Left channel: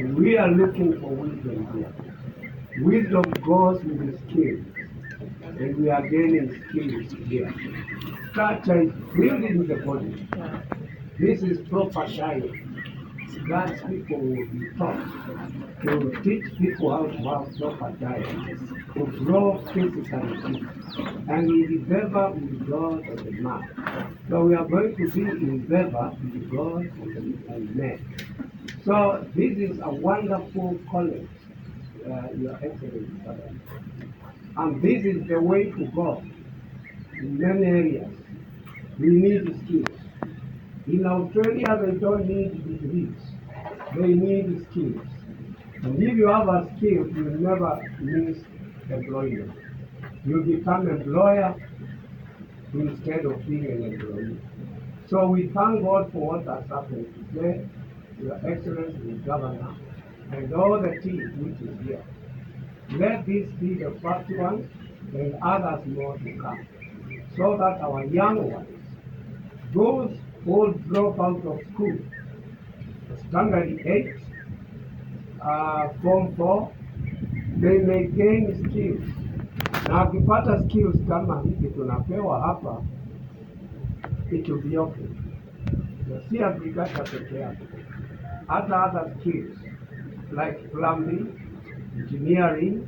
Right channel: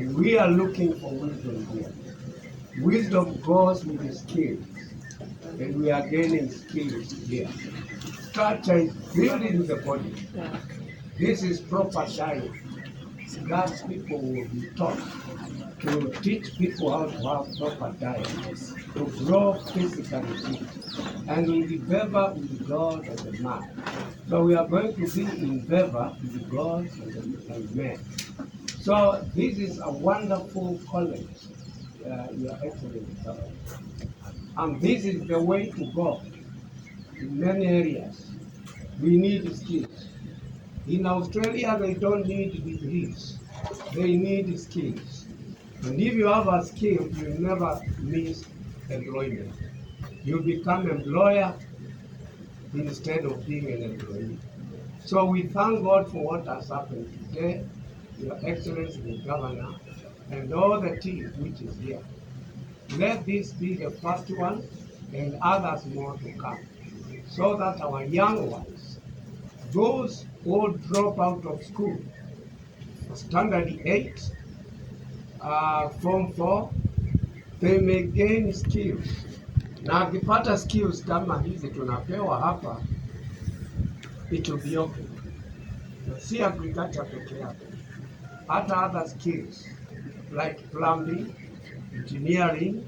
And we are looking for wisdom here. Wisdom goes with the skills, and we are gaining skills here. Structure is building the body. This is proper science that people will be taught to teach people how to have proper diet, to grow physically fit, and in the favor with God and the man. So we are going to be in favor with God and men. So this is a wonderful college, Your Excellency. And this is the way to go in many areas. We need skills. In Australia, they don't need degrees. They need skills. And if you have a skill, you never miss employment. You become employer instead of being an employee. So we thank God for what has happened today, Your Excellency the Governor, and all the team which is here. Let this be the first one and others more to come, so that our young ones, those who drop out of school, standard 8, form 4, they may gain skills. Na akipata skills kama hizi tunapewa hapa, it will be okay. Si agriculture peke yake, hata other skills like plumbing, engineering,